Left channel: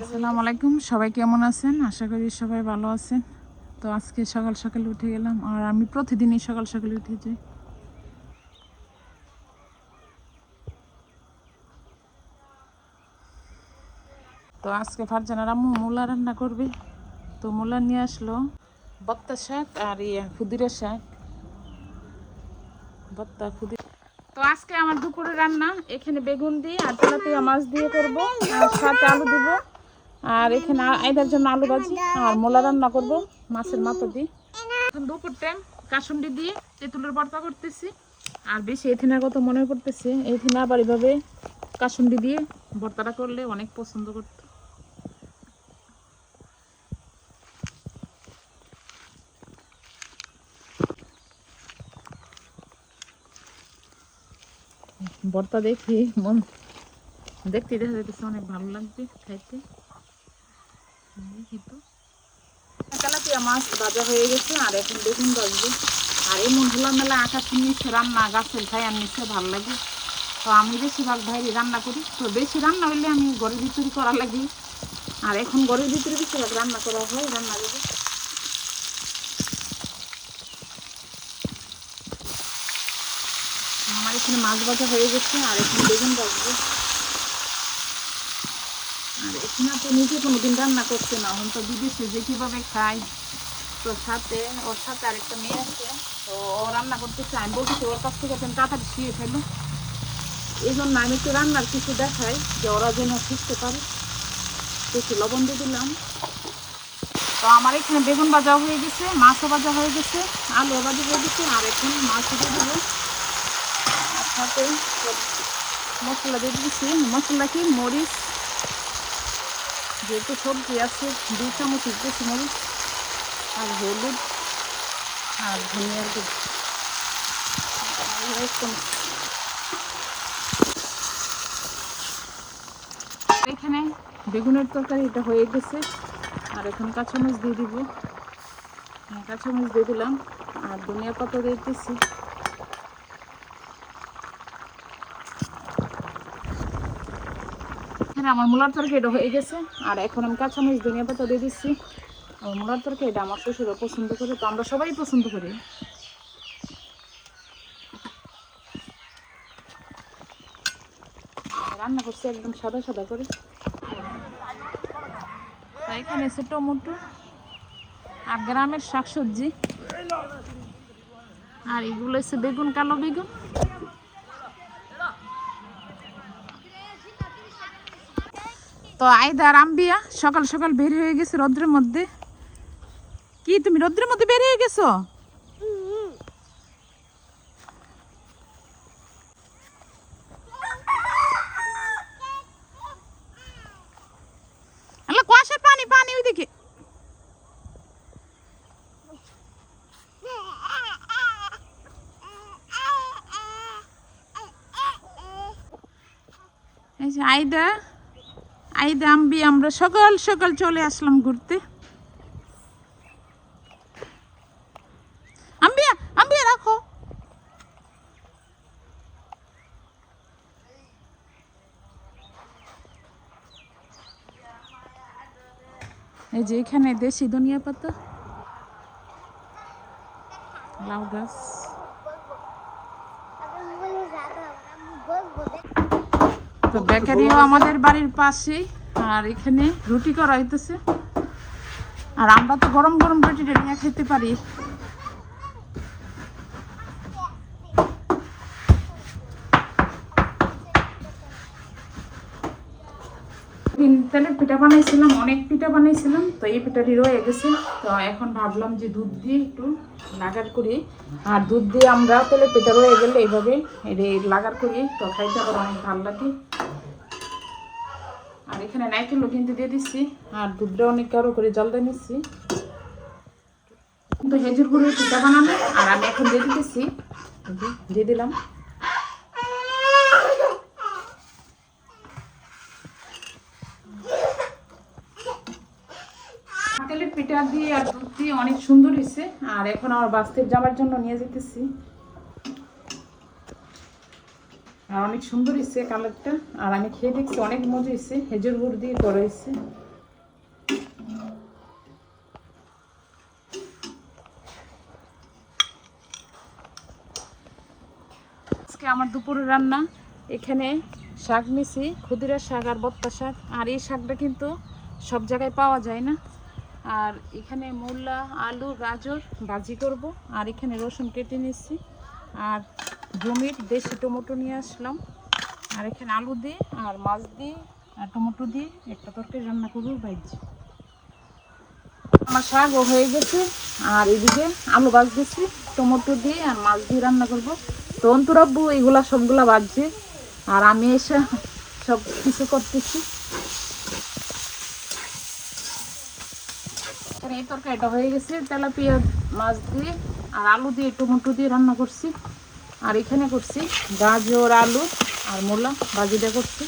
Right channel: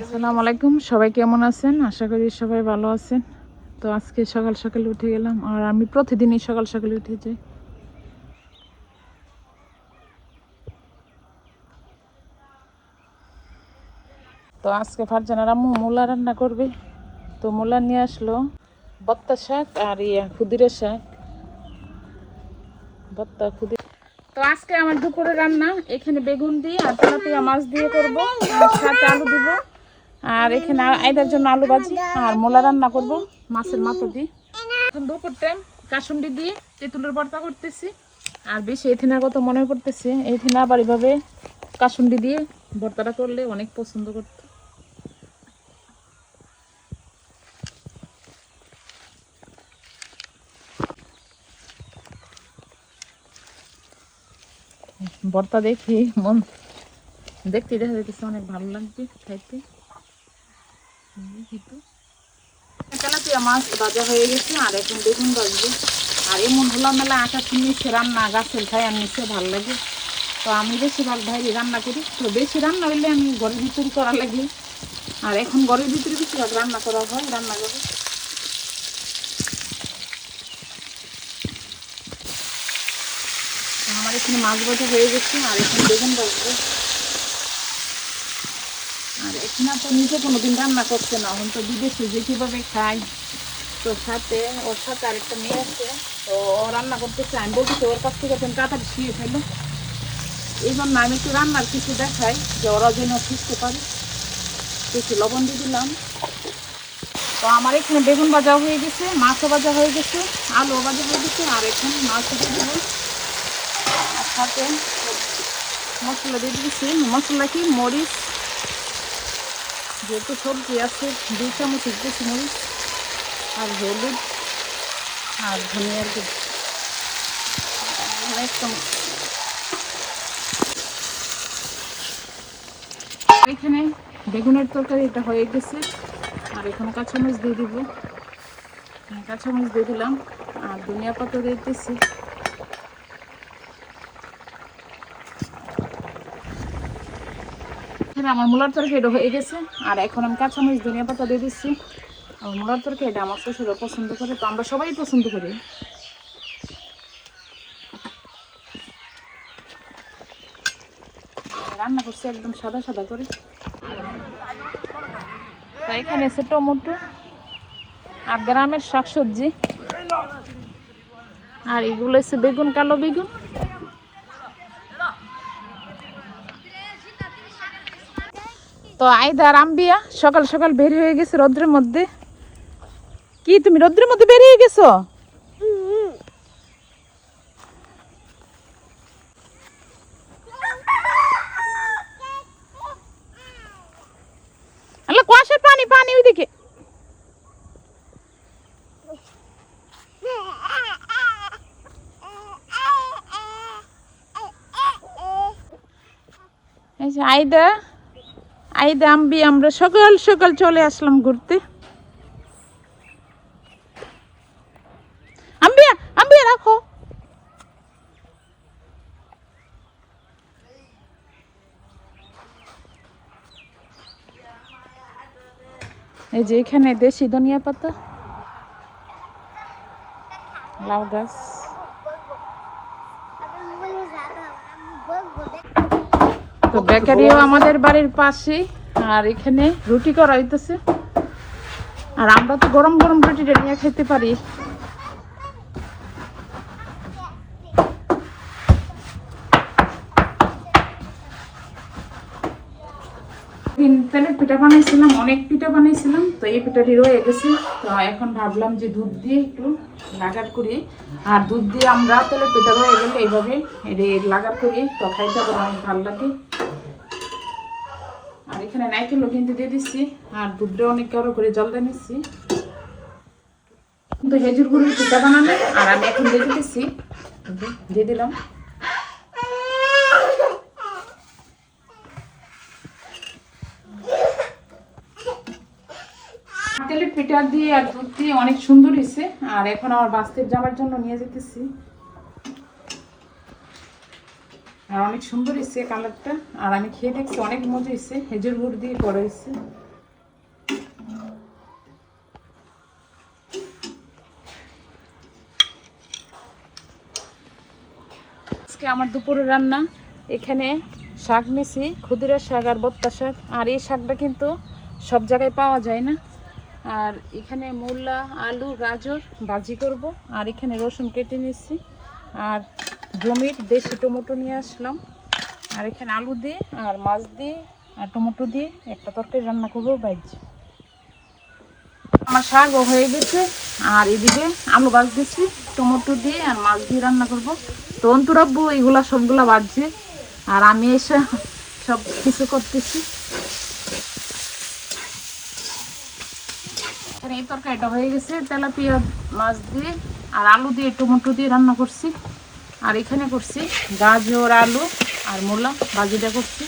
আসসালামু আলাইকুম, সবাই কেমন আছেন? আশা করি সবাই ভালো আছেন। তো আজকে সকাল সকালে উঠে গেলাম, আর আমি প্রতিদিনই সকাল সকালে উঠে যাই। তো আজকে ফারজানার আম্মু মূলা রান্না করবে। তো মূলা নিয়ে আসলো, বত্তা শাক আর খুদিরা শাক, বত্তা খুদিরা। তো আজকে আমার দুপুরে রান্না এখানে বেগুন দিয়ে আর তেলাপিয়া মাছ দিয়ে করবো, আর সাথে আলু দিব, আর এখানে আইদার জন্য আলু ভাজি আর মূলা রান্না করব মাছের মাথা দিয়ে। এখন দুপুর টাইম কাসুন্ডি দিয়ে তেঁতুলের ভর্তা করতেছি। আর বেশি এথিনার কথা মনে করতেছি, এথিনা আবার এভাবে কাসুন্ডি দিয়ে ভর্তাটা করলে অনেক পছন্দ করতো। ভর্তা দেখি মন দেখতে দেখা যাইতেছে অনেক ভালো লাগবে খাইতে। তেলাপিয়া মাছ ভাজা হয়ে গেছে, আর এখন বেগুন ভাজবে। আর এমন হলাম মেলা আটা নিচ্ছে রান্না গাছের খাই আর নিচ্ছে ভালো লাগে। তো আমি বেশিরভাগ বাইরে রান্না করি, তো বেশি রান্না হইলে আমি ঘরের ভিতরে করা লাগে। আর এখন ঘরের ভিতরে বেশিরভাগ রান্না করা হয়, রান্না করে। আমার এখানে মাছ ভাজা হয়ে গেছে, আর এখন বেগুন ভাজবে। আর এখানে তো নিজে কোনোদিন রান্না করছে না, এখন তো বিদেশে যে কীভাবে খাই। তো সাথে ওর সাথে আরেকটা মেয়ে আছে, তো ও রান্না করতেছে। আমি বলতেছি ওর কাছ থেকে তাড়াতাড়ি শিখে ফেলো, এই জন্য আমি একটু রান্নার কিছু দেখাই যে ওরা যেন শিখতে পারে। একটু লবণ দিয়ে দিলাম। তো আমার এখানে বেগুন ভাজা হয়ে গেছে, মাছও ভাজা হয়ে গেছে, আলু ভাজা হয়ে গেছে, আর এখানে মাছ দিয়ে দিলাম। সাথে মশলা দিয়ে দিচ্ছি, মশলা কি মরিচ, যেহেতু সবজি আছে 2 চামচ দিচ্ছি মরিচ, আর হলুদ, আর ধনিয়ার গুঁড়ো 1 চামচ। এখানে বেগুনের তরকারি এটা হয়ে গেছে, আর এখন কাঁচামরিচ দিয়ে দিব। কাঁচামরিচ দিয়ে দিলাম, আর ধনিয়া পাতা দিয়ে দিতেছি। আমার মূলার তরকারিটা হয়ে গেছে, আর এখন আমি কাঁচামরিচ ধনিয়া পাতা দিয়ে দিচ্ছি। আমার মূলার তরকারিটা আমার শ্বশুরও পছন্দ করে, তো আমরা সবাই পছন্দ করি। রান্না করছি একদম সাদা সাদা করে। তো এখানে আছে টমেটো আর গ্রামের শাকসবজি, আর এগুলো হচ্ছে বেগুন, কালো বেগুন। তো আইদা রামবিয়া সকাল সকাল বের হয়ে গেছে রোদ্রের মধ্যে। কি তুমি রোদ্রের মধ্যে বের হয়ে গেছো? আল্লাহ কুয়াশার পানি পানি ওইদিকে। এই যে আইদা আইদা আম্বি আমরা সকাল সকাল চলে আসলাম ঘুরতে। আম্বিয়া আম্বিয়া রাখো। এই যে এখানে দেশি ধনিয়া পাতা, লাউ গাছ। তো বেকারিও আমাদের বাড়ির পাশে, আর এখানে রুটি করা হইতেছে। আর আমরা তো গরম গরম রুটিটা নিয়ে খেতে পারি। তেলের পিঠা বানাইছিলাম, অনেক পিঠা বানাইছিলাম, তো এই পিঠাটি রয়ে গেছে। তো এখন ভাবলাম যে দুধ দিয়ে একটু লাগার করি, আর দুধ দিয়ে আমরা তেলের পিঠা রয়ে গেলে এইভাবে লাগার করি, তো খাইতে আবার অনেক ভালো লাগে। আর এখানে নাইকেলও কিন্তু দিয়ে দিচ্ছি, আর দুধটা অনেক কারো করে জল দিয়ে নিচ্ছি। কিন্তু খেজুর গুঁড়ির পিঠা বানানো, আর আমি এখন দিয়ে দিতেছি, দিয়ে দিলাম। তেলের পিঠা দিয়ে আর দুধ দিয়ে অনেক সুন্দর হয়েছে। আর এখন আমার বাস্তের যাওয়ার জন্য নিয়ে যেতেছি। আর অনেক সুন্দর হয়েছে কালারটা। আর আমি খেয়ে দেখছি অনেক মজা হয়েছে, খেজুর গুড় দিয়ে করা হয়েছে। আজকে আমার দুপুরের রান্না, এখানে শাক নিছি, ক্ষুদিরার শাক আর বত্তা শাক। আর এই শাকটা কিন্তু সব জায়গায় পাওয়া যায় না। আর এখানে মূলা, আলু, গাজর ভাজি করব। আর এখানে রসুন কেটে নিচ্ছি। আর জমির দেশি টমেটো নিয়ে আসলাম। আর এখানে আলু দিয়ে আর মাছ দিয়ে আর টমেটো দিয়ে একটা তরকারি রান্না করবো ভাজি। আমার শাকও হয়ে গেছে। আর এদিকে আলু ভাজ দিচ্ছি টমেটো দিয়ে আর মাছ দিয়ে রান্না করবো। তো অন্তরাব্বু এগুলা সবগুলা ভাজছে আর আমি এসে সব কিছু করতেছি। এই তরকারিটা হয়ে গেছে, তেলাপিয়া মাছ দিয়ে আর আলু দিয়ে টমেটো দিয়ে রান্না করছি। আর এখানে করছি গাজর, আলু আর মূলা ভাজিটা করছি।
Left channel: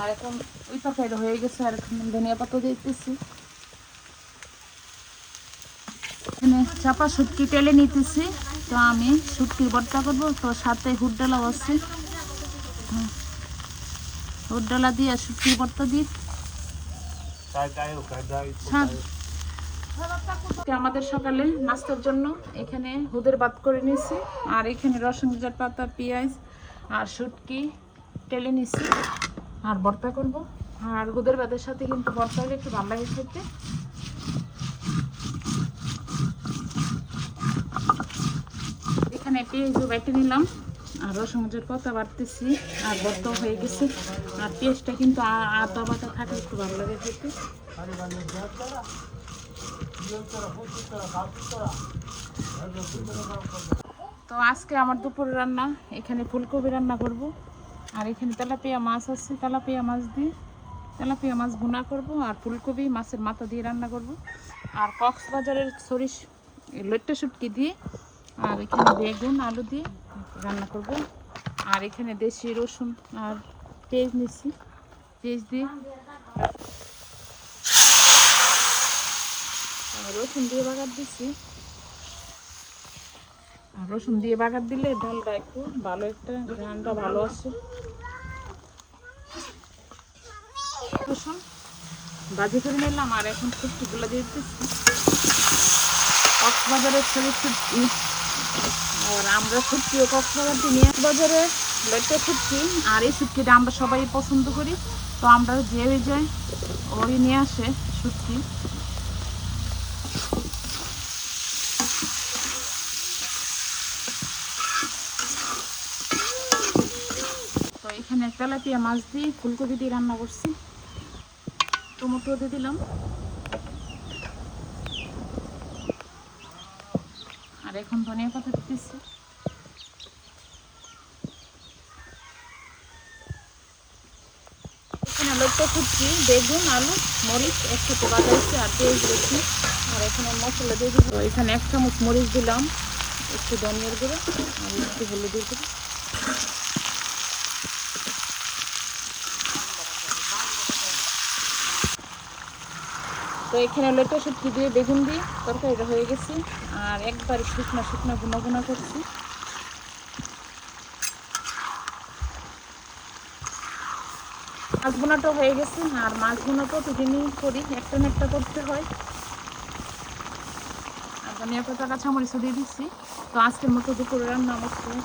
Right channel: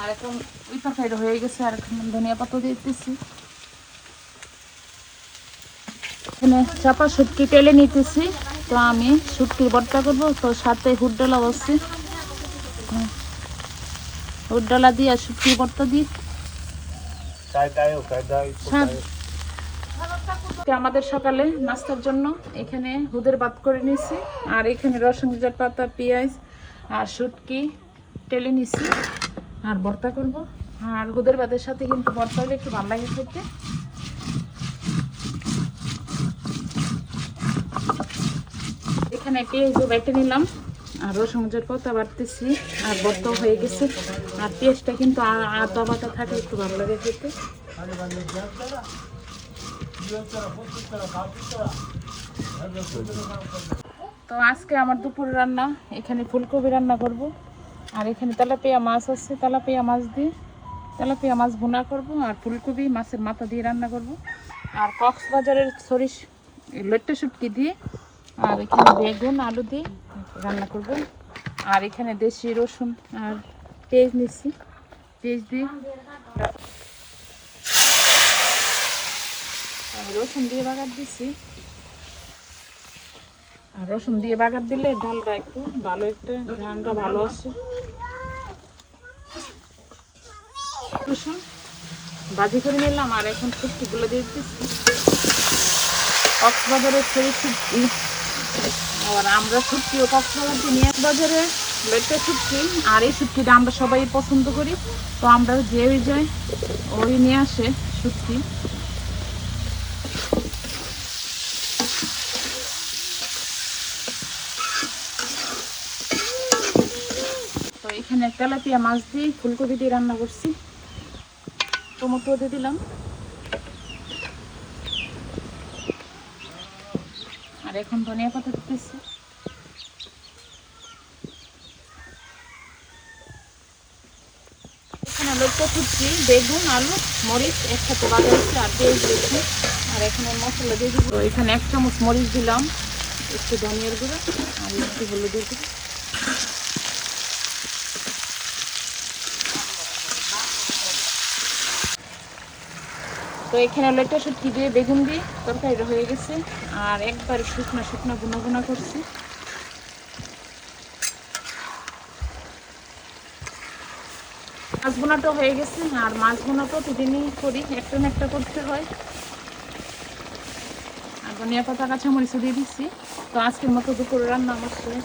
আর এখন এই তরকারিটা হয়ে গেছে। আর এখন ধনিয়া পাতা দিয়ে দিতেছি। এখানে চাপা শুটকি তেলে নিতেছি। তো আমি শুটকির ভর্তা করবো, তো সাথে হুডডালা বসছি, হুডডালা দিয়ে আর শুটকির ভর্তা দিয়ে আমাদের সকালে নাস্তার জন্য এখানে হুদের ভাত করে নিয়েছি। আর এখানে রসুন পাতা, পেঁয়াজ আর শুটকি তেলে নিছি আর ভর্তা করব। আর হুদের ভাতের সাথে কিন্তু ভর্তা হলে একটু ভালো লাগে খেতে। এখানে পেঁয়াজও বেটে নিলাম আর রসুন পাতা বাটতেছি আর ভর্তা হয়ে গেছে। আর পেঁয়াজটা কিন্তু আদা বাটা থাকে, একটু ভালো লাগে খেতে। তো আজকে আমার দুপুর রান্না, এখানে ফুলকপি রান্না করব। আর এখানে তেলাপিয়া মাছ আছে, তেলাপিয়া মাছ দিয়ে তেলাপিয়া মাছ ভুনা করব। আর ফুলকপি মাছের মাথা দিয়ে রান্না করব। আর কক্সবাজারের সরিষ লইট্টা শুটকি দিয়ে আর এখানে বেগুন আলু দিয়ে রান্না করব। আর এখানে দেশি রসুন আর পেঁয়াজ নিচ্ছি, পেঁয়াজ দিয়ে রসুন দিয়ে বাগার দিচ্ছি। আর রসুন দিয়ে বাগার দিলে ডালটা একটু ভালো, একটা রান্না ভালো আসে। রসুন ভাজি করে নিলাম। আর এখন শুটকিগুলো দিয়ে দিচ্ছি, কক্সবাজারের সরিষ শুটকি। আর আমরা শুটকিও কক্সবাজার দিয়ে নিয়ে বাজারে লইট্টা শুটকি। আর এই শুটকিটা আমরা সবাই পছন্দ করি, তো আমরা যে যাই ওই নিয়ে আসে শুটকি। তো এখানে তেলাপিয়া মাছ দিয়ে ফুলকপি দিয়ে রান্না করছি, টমেটো দিয়ে দিলাম। আর এখন ধনিয়া পাতা দিতেছি। এখানে লইট্টা শুটকি, বেগুন, আলু, মরিচ একসাথে বানিয়েছি আর পেঁয়াজ দিয়েছি। আর এখানে মশলা দিয়ে দিব। তো এখানে 1 চামচ মরিচ দিলাম, একটু ধনিয়ার গুঁড়ো আর একটু হলুদ দিয়ে দিব। তো এখানে লইট্টা শুটকি দিয়ে বেগুন দিয়ে তরকারিটা হয়ে গেছে। আর একবার শুকনা শুকনা গুনা গুনা করছি। মাছ বোনাটাও হয়ে গেছে। আর মাছ বোনা প্রতিদিনই করি, একটা না একটা করতে হয়। আর ধনিয়া পাতা কাঁচামরিচ দিয়ে দিচ্ছি। তো আজকের মতো দুপুরে রান্না অবশ্যই